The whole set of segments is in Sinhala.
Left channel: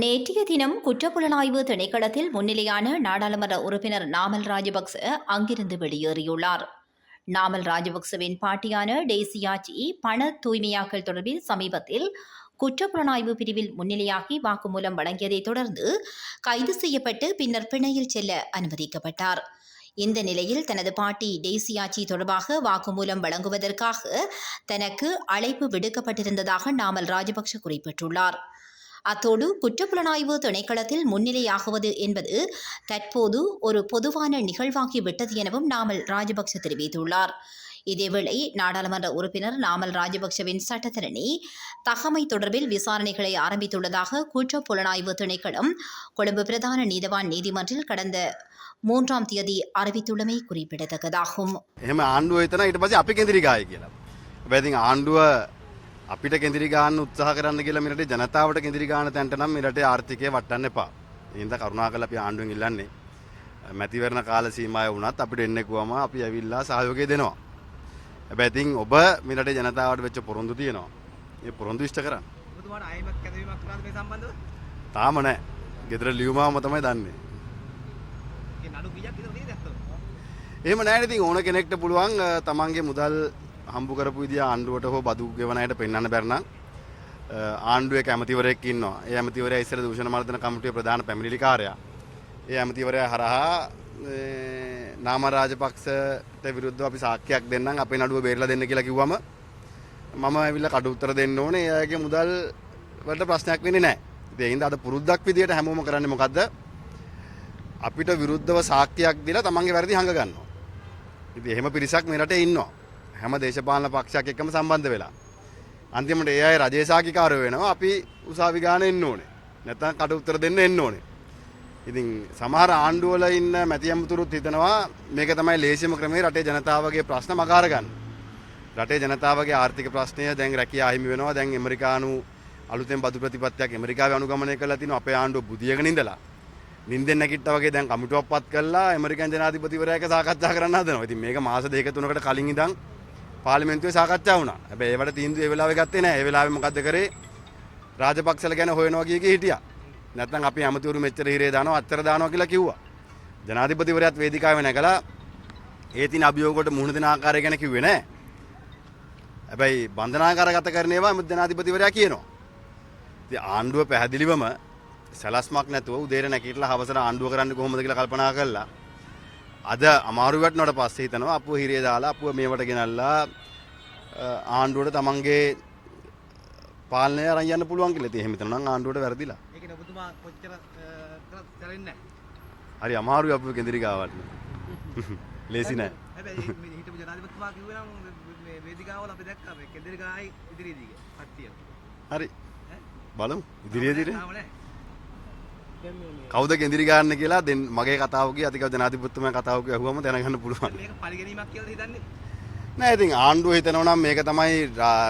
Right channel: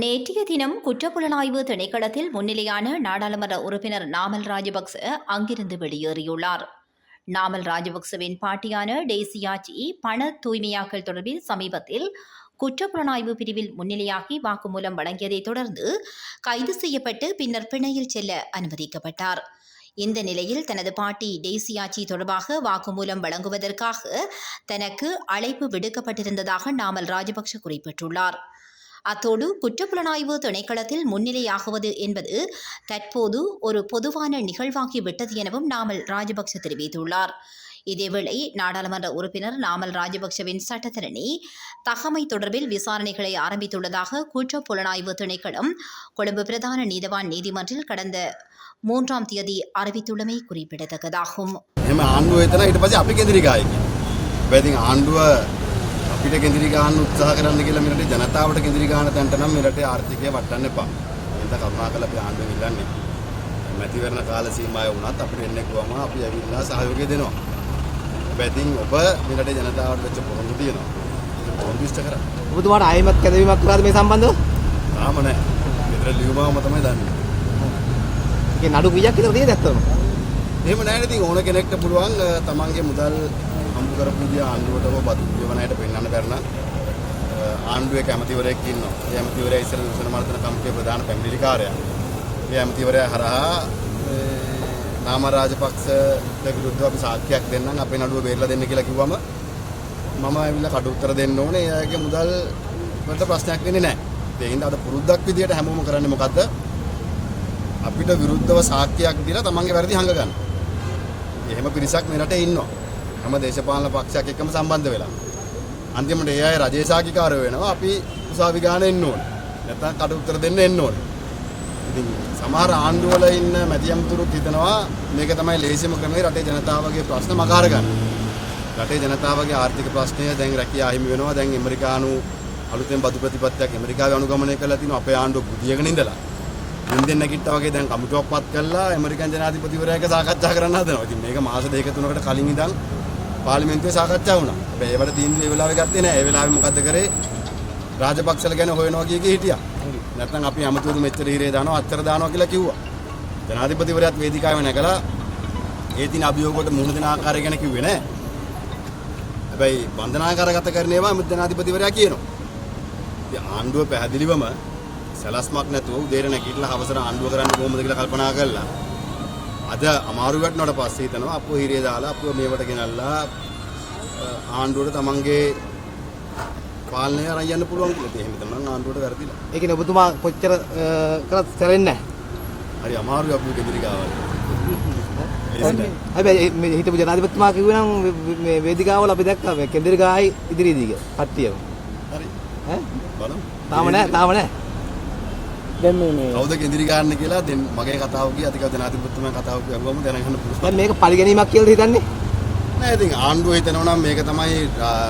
நேற்றைய தினம் குற்றப்புலனாய்வு திணைக்களத்தில் முன்னிலையான நாடாளுமன்ற உறுப்பினர் நாமல் ராஜபக்ச அங்கிருந்து வெளியேறியுள்ளார். நாமல் ராஜபக்சவின் பாட்டியான டெய்சியாச்சி பண தூய்மையாக்கல் தொடர்பில் சமீபத்தில் குற்றப்புலனாய்வு பிரிவில் முன்னிலையாகி வாக்குமூலம் வழங்கியதைத் தொடர்ந்து கைது செய்யப்பட்டு பின்னர் பிணையில் செல்ல அனுமதிக்கப்பட்டார். இந்த நிலையில் தனது பாட்டி டெய்சியாச்சி தொடர்பாக வாக்குமூலம் வழங்குவதற்காக தனக்கு அழைப்பு விடுக்கப்பட்டிருந்ததாக நாமல் ராஜபக்ச குறிப்பிட்டுள்ளார். அத்தோடு குற்றப்புலனாய்வு திணைக்களத்தில் முன்னிலையாகுவது என்பது தற்போது ஒரு பொதுவான நிகழ்வாகிவிட்டது எனவும் நாமல் ராஜபக்ச தெரிவித்துள்ளார். இதேவேளை நாடாளுமன்ற உறுப்பினர் நாமல் ராஜபக்சவின் சட்டத்தரணி தகமை தொடர்பில் விசாரணைகளை ஆரம்பித்துள்ளதாக குற்றப்புலனாய்வு திணைக்களம் கொழும்பு பிரதான நீதவான் நீதிமன்றில் கடந்த 3ஆம் தேதி அறிவித்துள்ளமை குறிப்பிடத்தக்கதாகும். අපිට කෙඳිරි ගන්න උත්සාහ කරන්න කියලා මෙරටේ ජනතාවට කෙඳිරි ගන්න තැනට නම් මෙරටේ ආර්ථිකය වටන්න එපා. ඒක කරුණාකරලා අපි ආණ්ඩුවෙන් ඉල්ලන්නේ. මැතිවරණ කාල සීමාව වුණත් අපිට එන්නේ කොහම අපි ඇවිල්ලා සහයෝගය දෙනවා. හැබැයි ඉතින් ඔබ මෙරටේ ජනතාවට වෙච්ච පොරොන්දු තියෙනවා. ඒක පොරොන්දු ඉෂ්ට කරා. ඔබතුමාට ආයෙමත් කැදවීමක් කරාද මේ සම්බන්ධව? තාම නැහැ. ගෙදර ලියුමාවම තමයි දන්නේ. ඒ නඩු කීයක් විතර තියෙද ඇත්තම? එහෙම නැහැ ඉතින් ඕන කෙනෙක්ට පුළුවන් තමන්ගේ මුදල් හම්බ කරපු විදිය ආණ්ඩුවට හෝ බදු ගෙවන අයට පෙන්වන්න බැරි නම් ආණ්ඩුවේ කැමතිවරයෙක් ඉන්නවා. ඒ කැමතිවරයා ඉස්සර දූෂණ මර්දන කමිටුවේ ප්‍රධාන පැමිණිලිකාරයා. ඒ කැමතිවරයා හරහා නාම රාජපක්ෂට විරුද්ධව අපි සාක්ෂියක් දෙන්නම් අපේ නඩුව බේරලා දෙන්න කියලා කිව්වම මම ඇවිල්ලා කට උත්තර දෙන්න ඕනේ. එයාගේ මුදල් වලට ප්‍රශ්නයක් වෙන්නේ නැහැ. ඒ හින්දා අද පුරුද්දක් විදියට හැමෝම කරන්නේ මොකද්ද? අපිට විරුද්ධව සාක්ෂියක් දීලා තමන්ගේ වැරදි හංග ගන්න. එහෙම පිරිසක් මේ රටේ ඉන්නවා. හැම දේශපාලන පක්ෂයක් එක්කම සම්බන්ධ වෙලා. අන්තිමට ඒ අය රජයේ සාක්ෂිකාරයෝ වෙනවා. අපි උසාවි ගාන එන්න ඕනේ. නැත්නම් කට උත්තර දෙන්න එන්න ඕනේ. ඉතින් සමහර ආණ්ඩු වල ඉන්න මැදියම්තුරුත් හිතනවා මේක තමයි ලේසිම ක්‍රමය රටේ ජනතාවගේ ප්‍රශ්න මගහර ගන්න. රටේ ජනතාවගේ ආර්ථික ප්‍රශ්නය දැන් රැකියා හිමි වෙනවා. දැන් ඇමරිකානු අලුතෙන් බදු ප්‍රතිපත්තියක් ඇමරිකාවේ අනුගමනය කරලා තිනවා. අපේ ආණ්ඩුව පුදියගෙන ඉඳලා. ඉන්දියන් නැගිට්ටා වගේ දැන් කමිටුවක් පත් කරලා ඇමරිකන් ජනාධිපතිවරයා එක්ක සාකච්ඡා කරන්න හදනවා. ඉතින් මේක මාස 2-3කට කලින් ඉඳන් පාර්ලිමේන්තුවේ සාකච්ඡා වුණා. හැබැයි ඒවට තීන්දුව ඒ වෙලාවේ ගත්තේ නැහැ. ඒ වෙලාවේ මොකද්ද කරේ? රාජපක්ෂල ගැන හොයනවා කිය හිටියා. නැත්නම් අපි අමතුරු මෙච්චර හිරේ දානවා අච්චර දානවා කියලා කිව්වා. ජනාධිපතිවරයාත් වේදිකාවේ නැගලා ඒ තින අභියෝග වලට මුහුණ දෙන ආකාරය ගැන කිව්වේ නැහැ. හැබැයි බන්ධනාගාරගත කරන ඒවා ජනාධිපතිවරයා කියනවා. ඉතින් ආණ්ඩුව පැහැදිලිවම සලස්මක් නැතුව උදේට නැගිටලා හවසට ආණ්ඩුව කරන්නේ කොහොමද කියලා කල්පනා කරලා අද අමාරු වටනට පස්සේ හිතනවා අපුව හිරිය දාලා අපුව මේවට ගෙනල්ලා ආණ්ඩුවට තමන්ගේ පාලනය අරන් යන්න පුළුවන් කියලා. එහෙම හිතනවා නම් ආණ්ඩුවට වැරදිලා. ඒ කියන්නේ ඔබතුමා කොච්චර කරත් සැලෙන්නේ නැහැ. හරි අමාරුයි අපුව කෙදිරි ගාවල්. හැබැයි මේ හිටපු ජනාධිපතිතුමා කිව්වේ නම් මේ වේදිකාවල අපි දැක්කා මේ කෙදිරි ගායි ඉදිරියේදී කට්ටියම. හරි. ඈ බලමු. තාම නැහැ. දැන් මේ කවුද කෙදිරි ගන්න කියලා දැන් මගේ කතාව කිය අධිකව ජනාධිපතිතුමා කතාව කියවුවම දැනගන්න පුළුවන්. දැන් මේක පරිගැනීමක් කියලාද හිතන්නේ? නෑ ඉතින් ආණ්ඩුව හිතනවා නම් මේක තමයි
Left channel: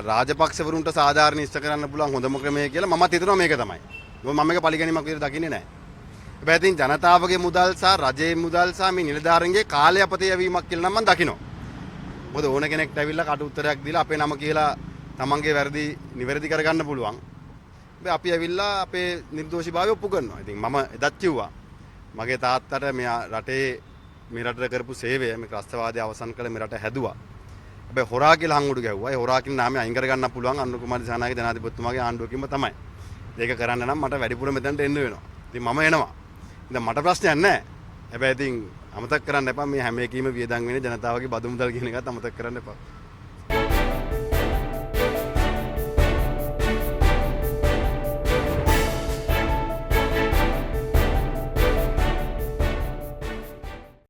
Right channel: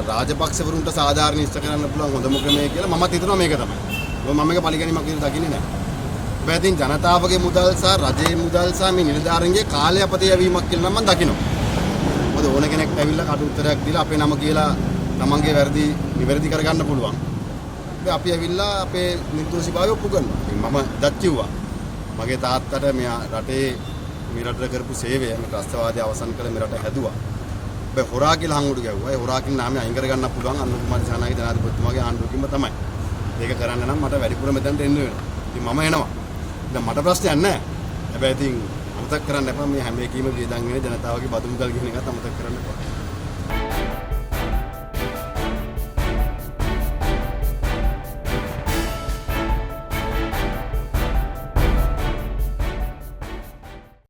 රාජපක්ෂවරුන්ට සාධාරණ ඉෂ්ට කරන්න පුළුවන් හොඳම ක්‍රමය කියලා මමත් හිතනවා මේක තමයි. මම මේක පරිගැනීමක් කියලා දකින්නේ නෑ. හැබැයි ඉතින් ජනතාවගේ මුදල් සහ රජයේ මුදල් සහ මේ නිලධාරීන්ගේ කාලය අපතේ යවීමක් කියලා නම් මම දකිනවා. මොකද ඕන කෙනෙක්ට ඇවිල්ලා කට උත්තරයක් දීලා අපේ නම කියලා තමන්ගේ වැරදි නිවැරදි කරගන්න පුළුවන්. අපි ඇවිල්ලා අපේ නිර්දෝෂිකාව ඔප්පු කරනවා. ඉතින් මම එදත් කිව්වා. මගේ තාත්තට මෙයා රටේ මේ රටට කරපු සේවය මේ ත්‍රස්තවාදය අවසන් කළ මේ රට හැදුවා. හැබැයි හොරා කියලා හංගුඩු ගැව්වා. ඒ හොරා කියන නාමය අයින් කරගන්න පුළුවන් අනුර කුමාර දිසානායක ජනාධිපතිතුමාගේ ආණ්ඩුවකින්ම තමයි. ඒක කරන්න නම් මට වැඩිපුර මෙතනට එන්න වෙනවා. ඉතින් මම එනවා. දැන් මට ප්‍රශ්නයක් නැහැ. හැබැයි ඉතින් අමතක කරන්න එපා මේ හැම එකීම වියදම් වෙන ජනතාවගේ බදු මුදල් කියන එකත් අමතක කරන්න එපා.